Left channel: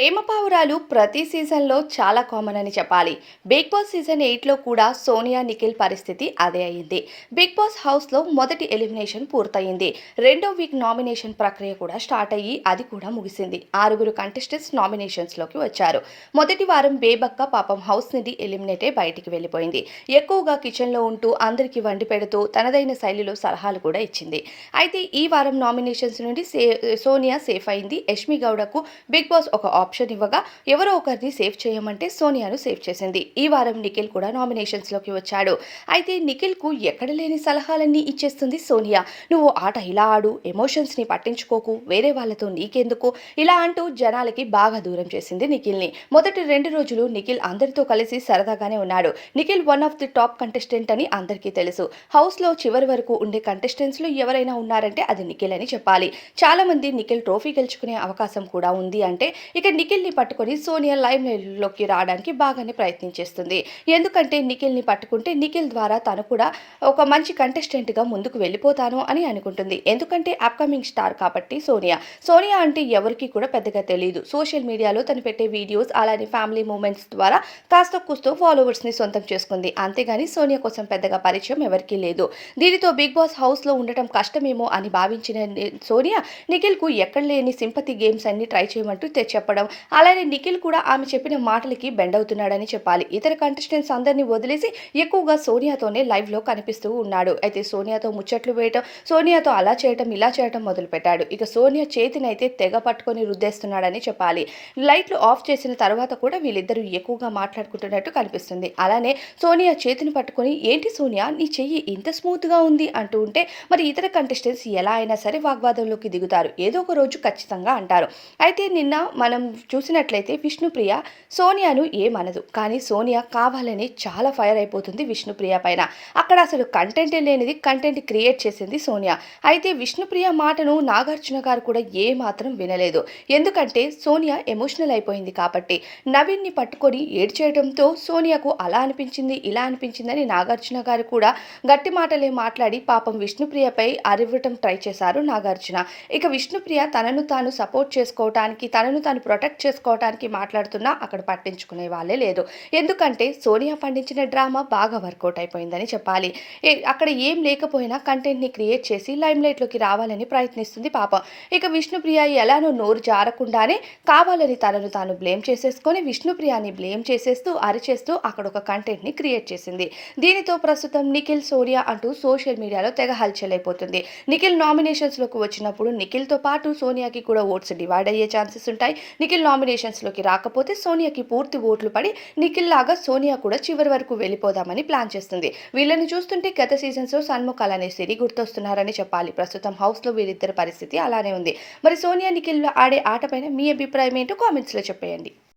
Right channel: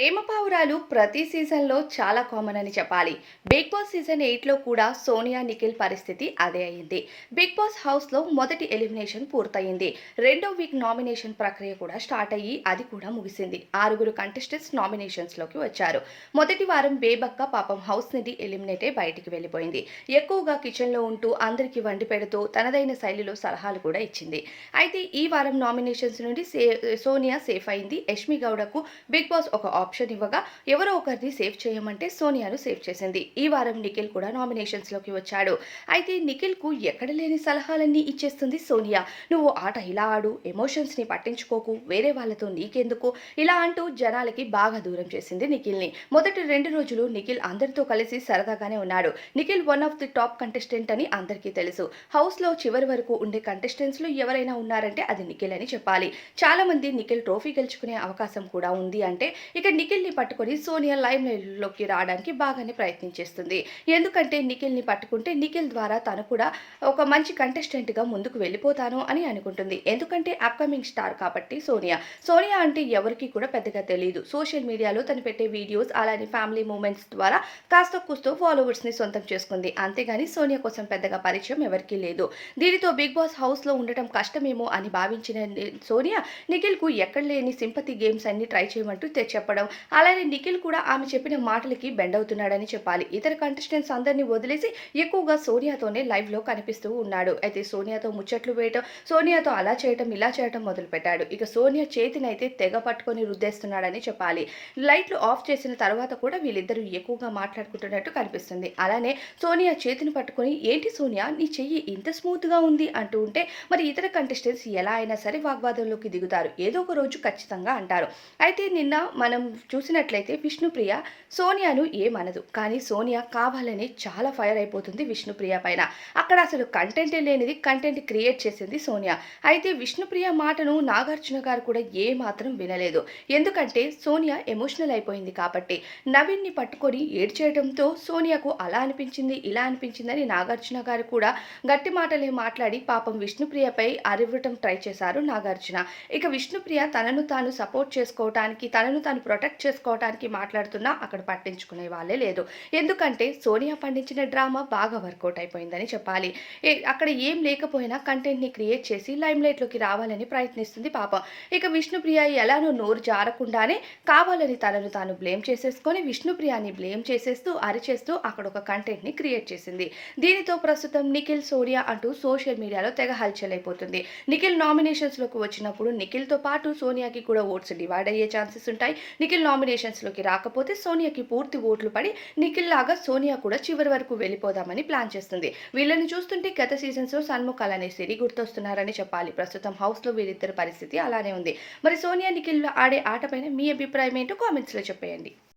ప్రేమ పావురాలు ప్రతి సీజన్లో చాలా కామన్ అని చెప్పాలి. బిగ్ బాస్ సీజన్ ఎయిట్లో కూడా సోనియా నిఖిల్ పరిస్థితి అదే అయింది. బిగ్ బాస్ హౌస్లో మొదటి ఎలిమినేషన్ పూర్తయింది. రెండో వీక్ నామినేషన్ ప్రక్రియ కూడా స్టార్ట్ అయ్యి అది కూడా ముగిసింది. ఆరుగురు కంటెస్టెంట్స్ నామినేషన్స్లోకి వచ్చారు. మొదటి వారం బేబక్క పాపం హౌస్ నిధి ఎలిమినేట్ అయి బయటికి వెళ్ళిపోయింది. ఎక్కువగా కిచెన్లో ఉంటూ అందరికీ వండి పెడుతూ తనదైన శైలిలో సలహాలు కూడా ఇచ్చింది. అయితే ఈ వారం నామినేషన్స్ నుండి సోనియా సేఫ్ అయింది. యష్మి గౌడకు బిగ్ బాస్ ఒక ఆప్షన్ ఇవ్వగా ఎవరో ఒకరిని సేవ్ చేయమంటే సోనియాను సేవ్ చేసింది. ఈ వారం నిఖిల్ కూడా నామినేషన్స్లోకి వచ్చాడు. అయితే నిఖిల్కు ఎక్కడ లేని సలహాలన్నీ ఇచ్చేస్తుంది సోనియా. నువ్వు ఆట ఇలా ఆడు ఎమోషన్స్ని పట్టించుకోకు వేరే వాళ్ళతో నీకెందుకు? ఇలా అంటూ జనాలకి బాగా దూరం చేసింది నిఖిల్ని. మొదటి రెండు రోజులు నిఖిల్ అందరితో కలిసి సరదాగానే ఉన్నాడు. Nikhil one of the top contestant అని అందరికీ తెలుసు. హౌస్లో చివరి వరకు ఉండే కంటెస్టెంట్స్లో ఎవరైనా ఉన్నారంటే అది నిఖిల్ అని చెప్పాలి. చాలా మంది నిఖిల్ ట్రోఫీ గెలుచుకునే అవకాశం కూడా ఉంది అంటే ఇక నిఖిల్ని పట్టుకొని సోనియా లైమ్లోకి రావడానికి బాగానే ప్రయత్నం చేస్తుంది. ఎందుకంటే నిఖిల్ని పట్టుకుంటే నిఖిల్ ద్వారా తను కూడా ఒక మంచి కంటెస్టెంట్గా ముందుకు వెళ్ళిపోతాను అని అనుకుంటుంది. ఎందుకంటే అప్కమింగ్ స్టార్ కాబట్టి సోనియా. సోనియా అంటే ఎవరికి కూడా పెద్దగా తెలియదు సోషల్ మీడియాలో తను పెట్టే వీడియోస్ అలానే ఫ్యామిలీ మూమెంట్స్ ద్వారా కాస్త కూస్తో ఫాలోవర్స్ని సొంతం చేసుకుంది. అంతేగాని సోనియా కోసం పెద్దగా పరిచయం ఎవరికీ లేదు. దీనితో బిగ్ బాస్ హౌస్లో ఉండటం కష్టమేమో అని భావించిన సోనియా నిఖిల్కు ఎక్కడ లేని సింపతి గేమ్స్ అన్ని ట్రై చేయమంటూ చెప్పడం చెప్పడం అలానే నిఖిల్ కూడా ఆమె చెప్పిన మాటలకి బెండ్ అవుతున్నాడని చెప్పాలి. ఇతర కంటెస్టెంట్స్ అందరినీ వదిలేసి ఎక్కువగా సోనియాతోనే లైవ్లో కనిపిస్తూ ఉన్నాడు. అయితే సోనియాతో ముచ్చట్లు వేయటం సోనియాతో అలా చేయటం ఇలా చేయటం మొదలుపెట్టాడు. ఇక సోనియా చేతినైతే తెగ పట్టుకొని రుద్దేస్తున్నాడని చెప్పాలి. లైట్లు ఆఫ్ చేసిన తర్వాత కూడా వీళ్ళిద్దరూ ఎక్కువగా మాట్లాడుకుంటున్నట్టు కనిపిస్తుంది. అలానే సోనియా చేతిని పట్టుకొని ఏంటి సోనియా నీ చెయ్యి ఇంత స్మూత్గా ఉంది అంటూ ఉంటే మరి ఇతర కంటెస్టెంట్స్ ఎలా అయినా సరే వాగ్వాదంలోకి దిగుతారు. ఏదో ఒక రోజు ఖచ్చితంగా అంటారు. అయితే నిన్న మనం చూసినట్లయితే విష్ణుప్రియ సోనియాను ఏమనదు. కానీ సోనియా కావాలని చాలా ఫైర్ అయిపోతుంది విష్ణుప్రియ పైన. అక్కడ అసలు కంటెంట్ లేనిది కంటెంట్ క్రియేట్ చేసింది సోనియా. అయితే విష్ణుప్రియ మాటను నాగార్జున గారు కూడా ఏ మాత్రం వినలేదు. ఎందుకంటే సోనియా ఎమోషనల్ అయిపోయింది కాబట్టి. నవీన్ని పట్టుకొని ఏడ్చేయడంతో సోనియాకు అలా అనిపించింది ఇలా అనిపించిందని నాగార్జున గారు కూడా గట్టి మాటలే మాట్లాడి పాపం విష్ణుప్రియపై అరివ్వటం ట్రై చేశారు నాగార్జున. ఇక విష్ణుప్రియ తనను తాను సపోర్ట్ చేసుకోవటానికి తనను తాను ప్రొటెక్ట్ చేసుకోవటానికి మాట్లాడుతున్నా అక్కడ పట్టించుకునే వాళ్ళే లేదు. ఎందుకంటే సోనియా పండించిన డ్రామా బాగా వర్కౌట్ అయిపోయిందని చెప్పాలి. అక్కడ ఏం లేకపోయినా కంటెంట్ని క్రియేట్ చేసి లైమ్ లైట్లోకి రావాలని ప్రయత్నిస్తుంది పాపం. ఇక విష్ణుప్రియ ఎలానో నోరు జారకుండానే కావాలని తనను తాను బ్లేమ్ చేసేసుకొని విష్ణుప్రియాని బ్లేమ్ చేసేస్తూ అరిచేస్తూ అక్కడ ఒక కంటెంట్ని క్రియేట్ చేసింది. దీనితో ప్రస్తుతం నిఖిల్ సోనియా అంటూ సోషల్ మీడియాలో తెగ హల్చల్ అయిపోతుంది నిఖిల్ నామినేషన్స్లోకి వచ్చినప్పుడు నిఖిల్తో పాటు సోనియాకి కూడా ఓట్స్ డివైడ్ అయ్యే ఛాన్సెస్ ఉంటాయి. నిఖిల్ నామినేషన్స్లోకి రాకపోతే సోనియాకి పూర్తి ఓట్లు పడి నిఖిల్ లాగా సోనియా కూడా చివరి వరకు వెళ్ళిపోదామని ప్లాన్ చేస్తుంది. వీళ్ళని చూస్తుంటే గత సీజన్స్లో సన్ముఖ్ అనే సిరి గుర్తొస్తున్నారని చెప్పాలి. ప్రస్తుతం హౌస్లో వీరిద్దరి పరిస్థితి అలానే ఉంది. మరి సోనియా నిఖిల్లో ఆడే ఆటపైన మీ అభిప్రాయం ఏంటో కామెంట్స్లో చెప్పేయండి.